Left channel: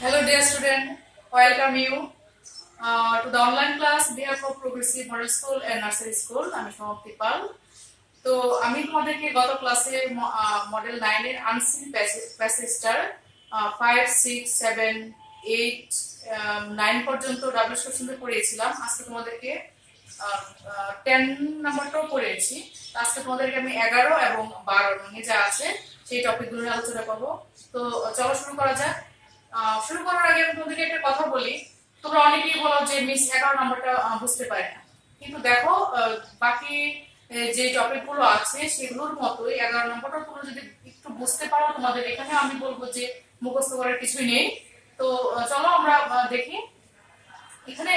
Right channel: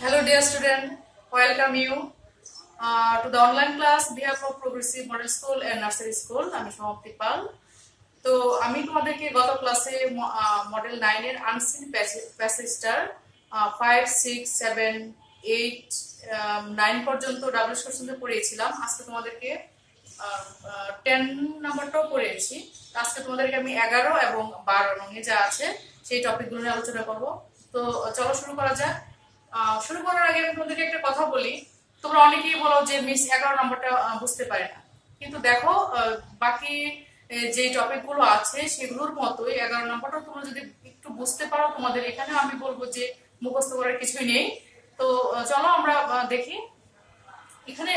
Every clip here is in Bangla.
Hello dear student, welcome you to the online class behalf of Progressive Model School and Nursery School. আমি সমাপ্তি পাল। তো আমি তোমাদেরকে গত ক্লাসে মডেল 9 এর আনসিন প্যাসেজটার 5 6 7 8 9 পর্যন্ত ডাবল সেকশনে পড়িয়েছিলাম। আজকে তোমাদেরকে 10 নাম্বারটাও পড়িয়েছি। আজকে তোমাদেরকে আমি 11 এবং 12 নং যা আছে সেই টপিকগুলো নিয়ে আলোচনা করব। তো চলো শুরু করা যাক। শুরু করার আগে আমি তোমাদেরকে একটা কথা বলি। তোমরা অনেকেই বলো যে মিস 11 নাম্বারটা বুঝতে পারে না, কিন্তু দেখো বাকি যে টপিক গুলো আছে সেগুলোর মতোই 11 নাম্বারটা তোমরা যদি একটু বুঝতে পারো, তোমাদের এখানে আমি বলবো যে মুখস্থ করার কিছুই নেই। তো চলো আমরা দেখি। এখানে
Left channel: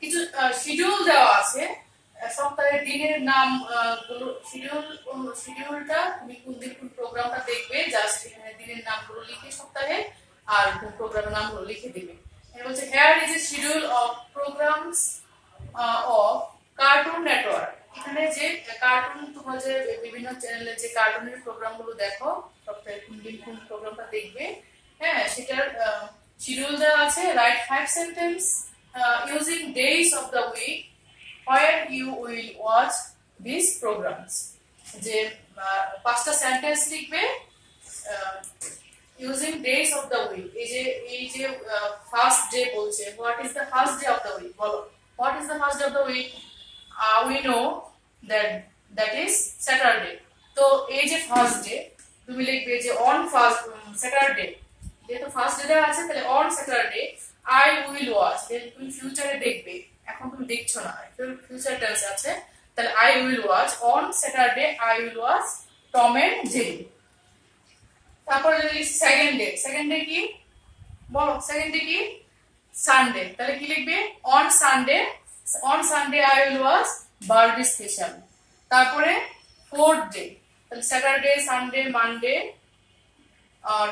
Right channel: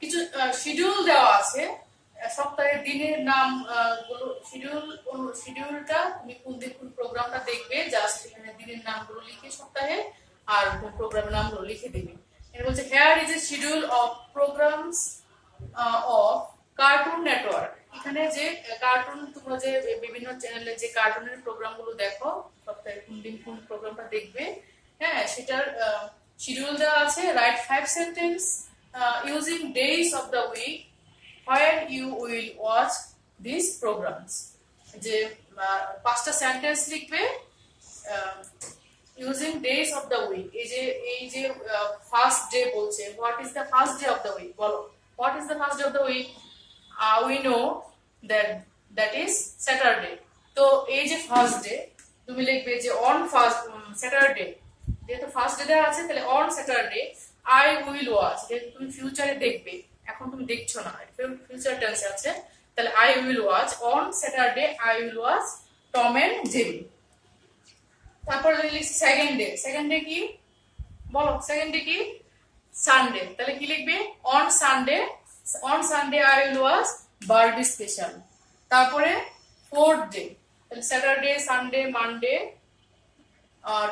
কিছু শিডিউল দেওয়া আছে, সপ্তাহের দিনের নাম শিডিউলটা তুমি কোন দিন কোন প্রোগ্রামটা দেখবে, জাস্ট এখানে দিনের নামগুলো লিখে সপ্তাহে আর প্রোগ্রামের নামগুলো লিখে দিবে। এটা বলছে hair is a schedule of programs of cartoon network. এখানে যে কার্টুন তোমরা যে বিভিন্ন চ্যানেলে যে কার্টুনের প্রোগ্রামগুলো দেখো, সপ্তাহে কোন দিন কোন প্রোগ্রামটা দেখবে, হ্যাঁ সেটার শিডিউল দেওয়া আছে। Write 5 sentence using days of the week where you will watch these programs. যে পাঁচটা সেন্টেন্স লিখবে using days of the week। এই যে ফার্স্ট ডে বলছে, what is the first day of the week, বলো what is the first day of the week? We know that is Saturday। তো এই যে ফার্স্ট ডে তুমি লিখবে যে on first Saturday, যেহেতু ফার্স্ট ডে দেওয়া আছে তাহলে on Saturday I will watch, যেহেতু তুমি ফিউচারে দেখবে, এখন তুমি দেখছো না, ফিউচার টেন্স আছে, তাহলে I will watch on Saturday I will watch Tom and Jerry। তারপরে লিখছি সেকেন্ড ডে কি বলো, সেকেন্ড ডে কি সানডে, তাহলে কি লিখবে on Sunday I will watch Barbie special. তারপরে ফোর্থ ডে, তাহলে স্যাটারডে সানডে মানডে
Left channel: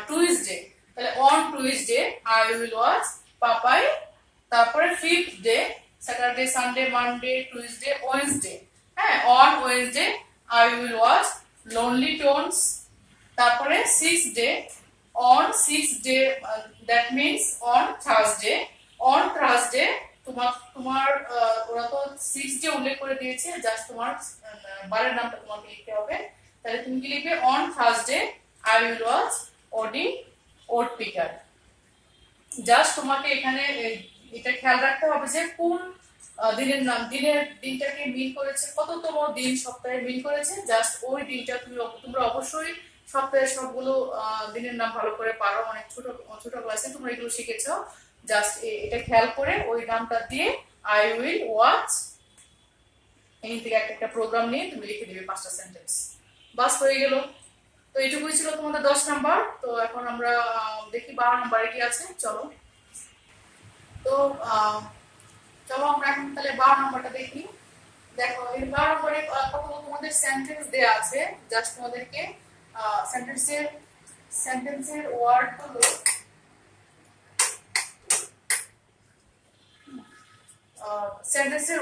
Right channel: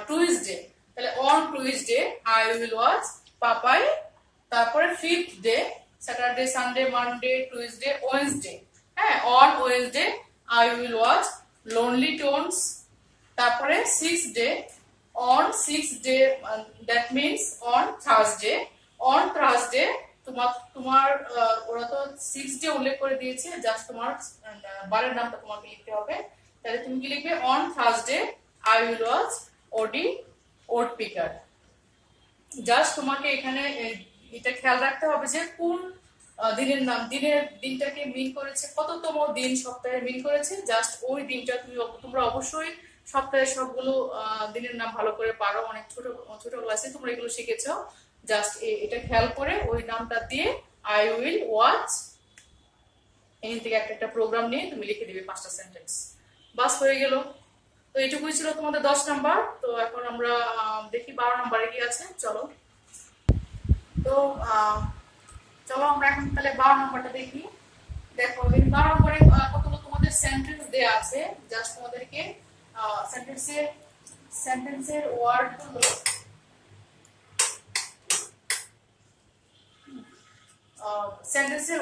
টুইসডে, তাহলে on Tuesday I will watch Popeye. তারপরে fifth day, Saturday Sunday Monday Tuesday Wednesday, হ্যাঁ on Wednesday I will watch Looney Tunes. তারপরে six day, on sixth day that means on Thursday তোমার ওরা তো সিক্স ডে উল্লেখ করে দিয়েছে, জাস্ট তোমার বারের নামটা তোমাকে লিখতে হবে। তাহলে তুমি কি লিখবে on Thursday I will watch ওট পিকার। জাস্ট তোমাকে এখানে এটা খেয়াল রাখতে হবে যে কোন দিনের নাম, দিনটাকে মিন করেছে, কততম দিন সপ্তাহে মিন করেছে, জাস্ট ওই দিনটা তোমরা অবশ্যই সপ্তাহের সবগুলো দিনের নাম ভালো করে পারো, অনেক ছোট ক্লাসে তোমরা এগুলো শিখেছো। জাস্ট এটা খেয়াল করে ওই নামটা দিয়ে আই উইল ওয়াচ, এই থেকে একটা প্রোগ্রাম নিয়ে তুমি লিখে দিবে পাঁচটা সেন্টেন্স, বাস হয়ে গেল। তো এটুকুই ছিল তোমাদের 10 নাম্বার। তো এখন আমরা দেখি 12 নাম্বারে কি আছে, চলো। তো চলো আমরা এখন তাহলে 12 নাম্বারটা দেখি। দেখো এই 12 নম্বরে কতগুলো তোমাদের সেন্টেন্স দেয়া আছে, জাস্ট তোমাদেরকে সেন্টেন্সের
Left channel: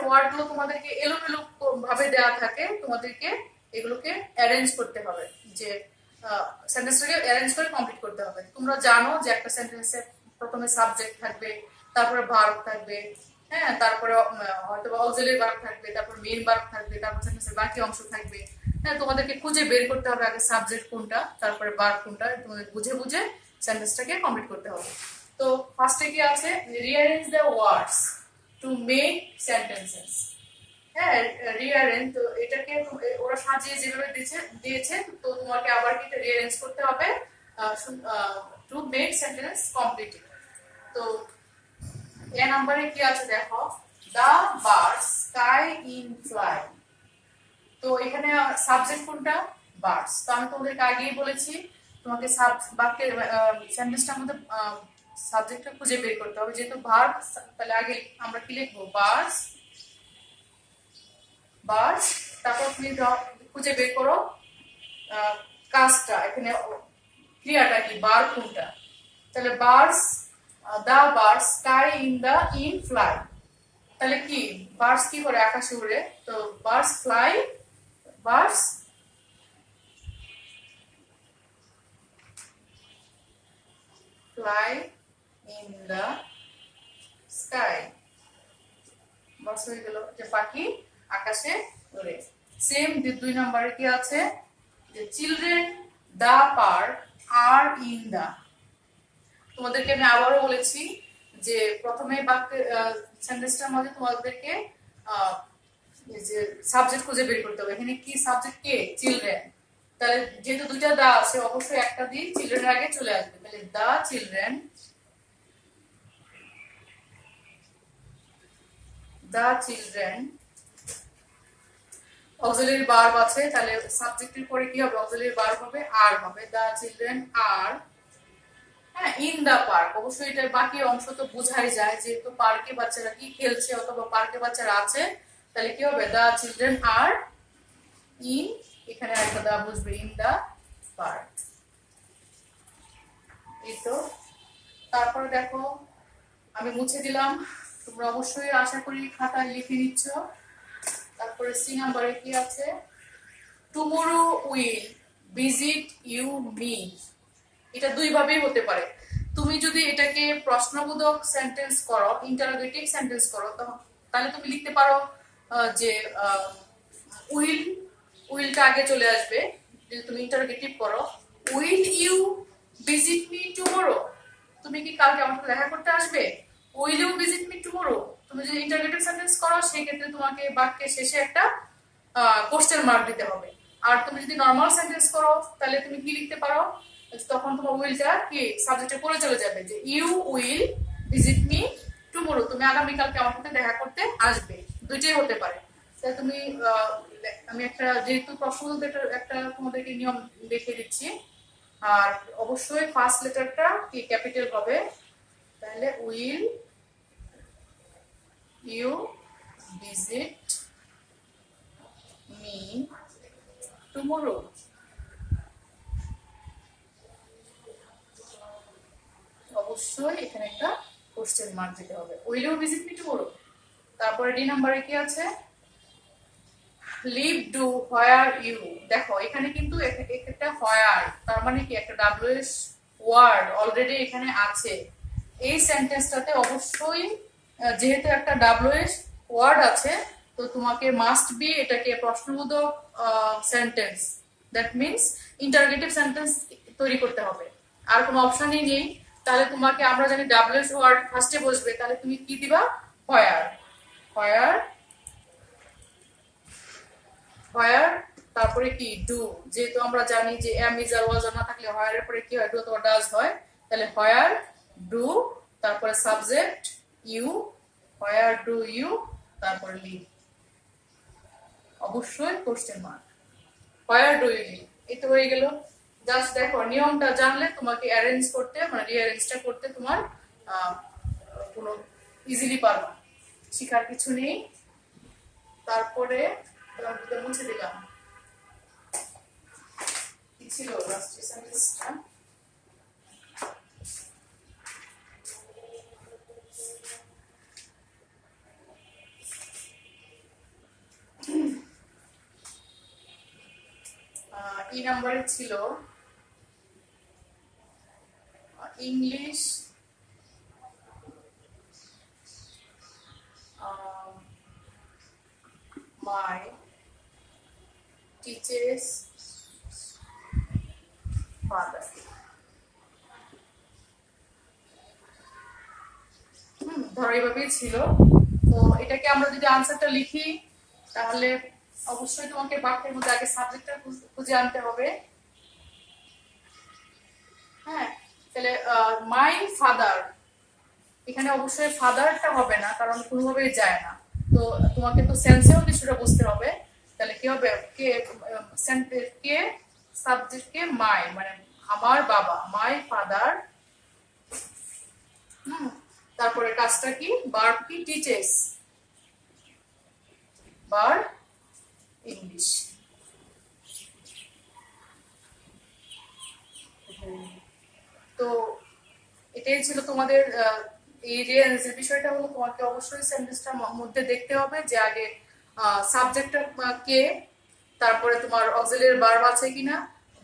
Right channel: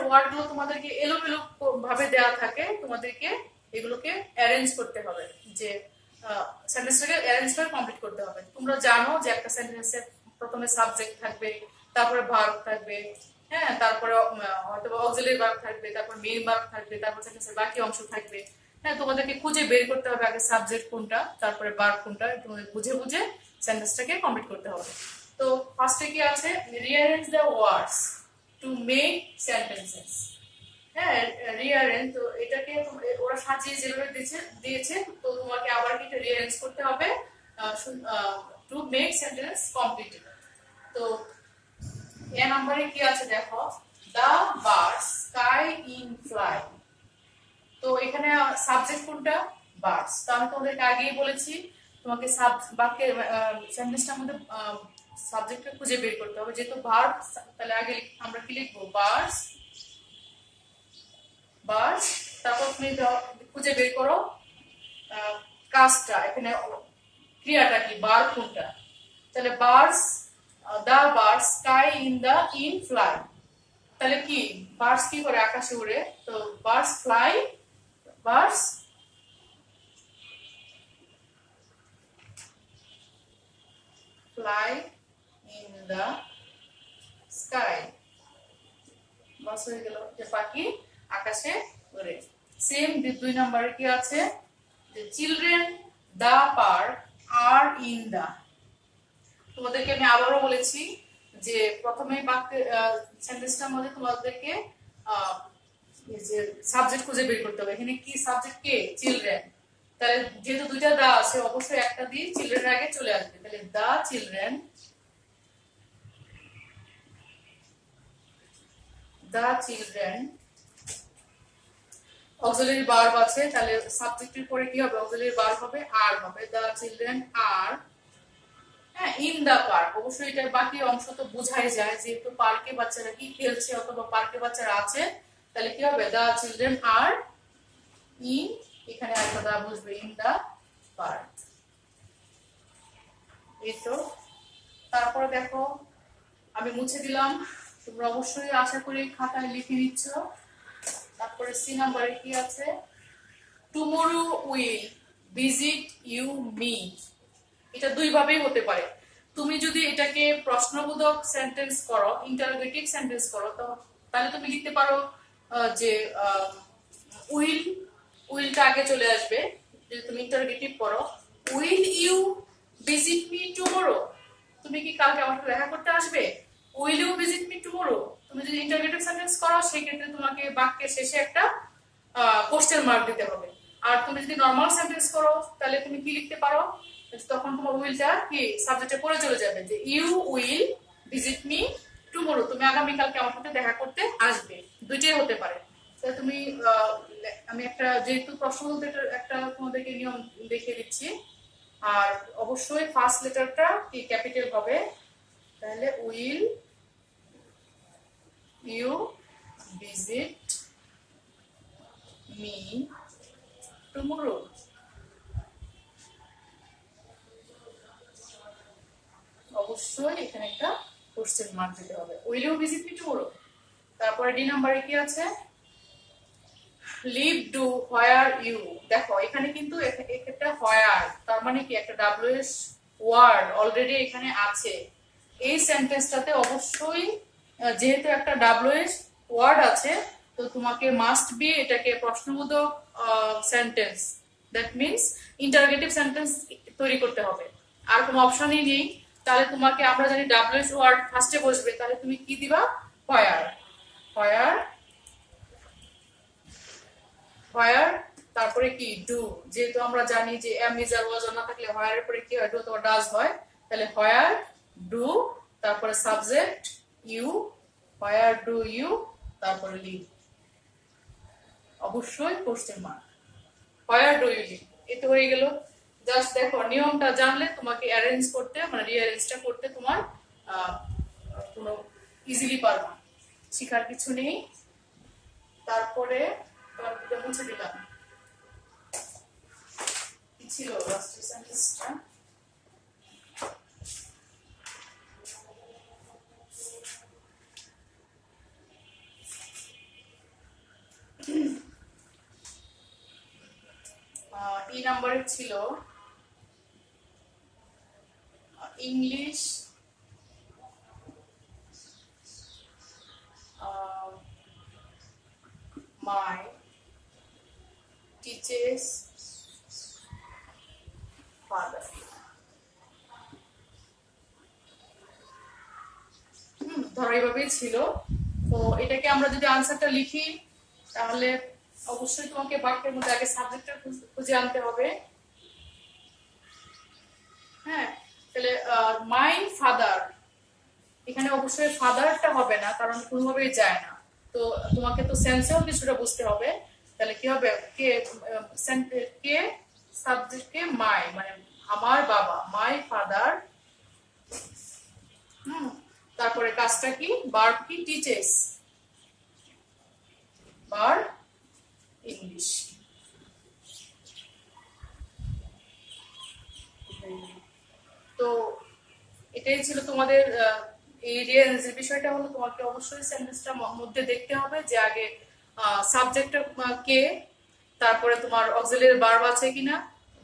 ওয়ার্ডগুলো তোমাদেরকে এলোমেলো ভাবে দেয়া থাকে, তোমাদেরকে এগুলোকে অ্যারেঞ্জ করতে হবে, যে সেন্টেন্সটাকে অ্যারেঞ্জ করে কমপ্লিট করতে হবে। তোমরা জানো যে একটা সেন্টেন্সে প্রথমে সাবজেক্ট থাকবে, তারপরে ভার্ব থাকবে, হ্যাঁ তারপরে হয়তো অক্সিলারি ভার্ব থাকবে, তারপর মেইন ভার্ব থাকবে, তারপর সেন্টেন্সের বাকি অংশ থাকবে। হ্যাঁ তোমাদেরকে খুঁজে বের করতে হবে আগে সাবজেক্ট কোনটা, তারপরে ভার্ব কোনটা, তোমাদের বুঝে সেন্টেন্সটাকে কমপ্লিট করতে হবে। তো ফার্স্টে কি আছে, rearrange the words to make sentences. হ্যাঁ রিঅ্যারেঞ্জ, তো এটাকে ওরা সাজিয়ে যেভাবে দিয়েছে, তো তোমাকে আবার কি এটা রিঅ্যারেঞ্জ করতে হবে টু মেক সেন্টেন্স কমপ্লিট। তো এ নম্বরে কি আছে দেখো, দা বার্ডস স্কাই ইন ফ্লাই। তো এখানে সাবজেক্ট কোনটা, বার্ডস। তো আমি তোমাদেরকে আগেই বলেছি তোমাকে বাক্যের সেন্টেন্সটার মধ্যে সাবজেক্টটা খুঁজে বের করতে হবে, যেহেতু ভার্ব, তাহলে আগে আমরা কি লিখবো বার্ডস। তারপর তুমি খুঁজে বের করো কাজটা, এখানে ক্রিয়াটা কি, ভার্ব কোনটা, তাহলে birds, the birds sky in fly, তাহলে কি বার্ডস কি করে, আকাশে উড়ে, তো birds fly, birds fly in the sky বাস হয়ে গেল যে পাখি আকাশে ওড়ে সেম 2 নম্বরে কি আছে যে children the park are in the তোমাদেরকে আমি আবারও বলেছি যে প্রথমে বাক্যে সেন্টেন্সটার মধ্যে তোমাদেরকে এই যে সাবজেক্ট খুঁজে বের করতে হবে এখানে কি সাবজেক্ট কে চিলড্রেন তাহলে যেহেতু দুইটা দা আছে অবশ্যই একটা দিয়ে চিলড্রেন আগে চলে আসবে তাহলে দা চিলড্রেন অক্সিলারি ভার্ব আছে তাহলে সাবজেক্টের পরে কি হবে অক্সিলারি ভার্ব হবে আর হবে দা চিলড্রেন আর হ্যাঁ ইন দা পার্ক অবশ্যই এটার বাকি অংশ তো বোঝাই যায় যেহেতু পার্কে বাচ্চারা কি খেলছে অথবা পার্কে বাচ্চারা আছে তাহলে কি হবে দা চিলড্রেন আর ইন এখানে একটা দা বসবে ইন দা পার্ক এই তো তারপরে দেখো আমি মুছে দিলাম তোমরা অবশ্যই আশা করি খাতায় লিখে নিচ্ছ তারপরে সি নাম্বারে কি আছে tomorrow will visit you me এটা দুই ভাবেই হতে পারে তুমি যদি এটাকে প্রশ্নবোধক সেন্টেন্স করো ইন্টারোগেটিভ সেন্টেন্স করো তাহলে তুমি লিখতে পারো যে উইলটা আগে চলে আসবে যদি তুমি ইন্টারোগেটিভ করো will you visit me tomorrow তুমি কি কালকে আমার সাথে দেখা করতে আসবে will you visit me tomorrow তুমি যদি ইন্টারোগেটিভ সেন্টেন্স করো সেই ক্ষেত্রে তোমাকে বাক্যের শেষে একটা কোশ্চেন মার্ক দিতে হবে আর তুমি যদি নরমাল সেন্টেন্স করো তাহলে তুমি কি লিখতে পারো তখন তোমার উইলটা কি সাবজেক্টে পড়ে চলে যাবে যে you will visit me tomorrow তুমি আগামী কালকে আমার সাথে দেখা করতে আসবে দুইটাই হতে পারে তাহলে তুমি আমি একটা যেহেতু প্রশ্নোত্তর একটা তোমাদেরকে নিয়ম দেখিয়ে দিচ্ছি আর অবশ্যই ফার্স্ট লেটারটা কি ক্যাপিটাল হবে তাহলে will you visit me tomorrow অবশ্যই এখানে একটা কোশ্চেন মার্ক দিতে হবে will you visit me tomorrow তারপরে ডি নম্বরে কি আছে লিভ ডু হোয়ার ইউ দেখো এখানে কিন্তু একটা হোয়ার তার মানে কি একটা ডব্লিউএস ওয়ার্ড অলরেডি এখানে আছে এই সেন্টেন্সটাতে অবশ্যই যেহেতু একটা ডব্লিউএস ওয়ার্ড আছে তো তোমাকে মাস্ট বি এটাকে প্রশ্নবোধক sentence that means interrogative sentence তৈরি করতে হবে আর কোনো অপশনই নেই তাহলে তোমাকে আমরা জানি ডব্লিউএস ওয়ার্ড ফার্স্টে বসবে তাহলে তুমি কি দিবা হোয়ার হোয়ার হোয়ার তারপরে কি ডু যেহেতু আমরা জানি যে এম ইজ আর ওয়াজ না থাকলে হোয়ার এর পরে কি হয় ডু অথবা ডাজ হয় তাহলে হোয়ার ডু তারপরে subject you where do you তারপরে লিভ অবশ্যই question mark where do you live এটা হয়ে গেল জাস্ট দেখো নিয়মটা জানলে তোমাকে অ্যারেঞ্জ করতে মানে রিঅ্যারেঞ্জটা করতে তোমার কোনো ইজিলি পারবা শিখার কিছু নেই তারপরে মুছে দিলাম কি ছিল লাস্ট সেন্টেন্সটা এই নম্বরে ছিল ইংলিশ my teacher's father ধরো এইভাবেই ছিল তো এটাকে আমরা যদি আনসারটা লিখি তাহলে অবশ্যই তোমাকে বাক্যের মধ্যে আগে সাবজেক্টটা খুঁজে আনতে হবে হ্যাঁ তাহলে মাই ফাদার এখানে অবশ্যই ফাদারটা হবে না কারণ কোনোভাবেই যায় না তো তোমাকে তো সেন্সেও কিছুটা বুঝতে হবে তাহলে কি হবে কে কে সাবজেক্ট কে মাই মানে আমার বাবা মাই ফাদার তারপরে কাজটা কি ভার্ব কি টিচেস ভার্ব ইংলিশ তো এটাই ছিল তোমাদের এই রিয়ারেঞ্জের বিষয়টা হলো তোমাকে অবশ্যই সেন্টেন্সটার মধ্যে দেখতে হবে যে আগে সাবজেক্টটা কে তারপরে তোমার অক্সিলারি ভার্ব আছে কিনা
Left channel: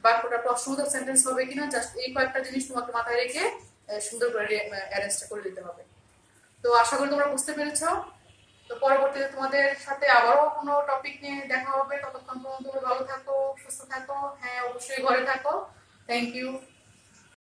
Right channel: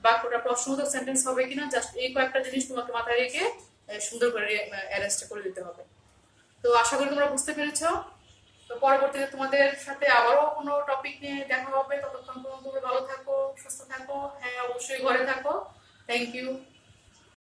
বাক্যটা প্রশ্নবোধক সেন্টেন্স হবে কিনা জাস্ট এই কয়েকটা জিনিস তোমাকে মাথায় রেখে সুন্দর করে অ্যারেঞ্জটা করে দিতে হবে। তো আশা করি তোমরা বুঝতে পেরেছো। তো পরবর্তীতে তোমাদের সাথে আবারও কোনো টপিক নিয়ে দেখা হবে। ততক্ষণ পর্যন্ত তোমরা ভালো থাকো, সুস্থ থাকো, হ্যাঁ অবশ্যই ঘরে থাকো। Thank you.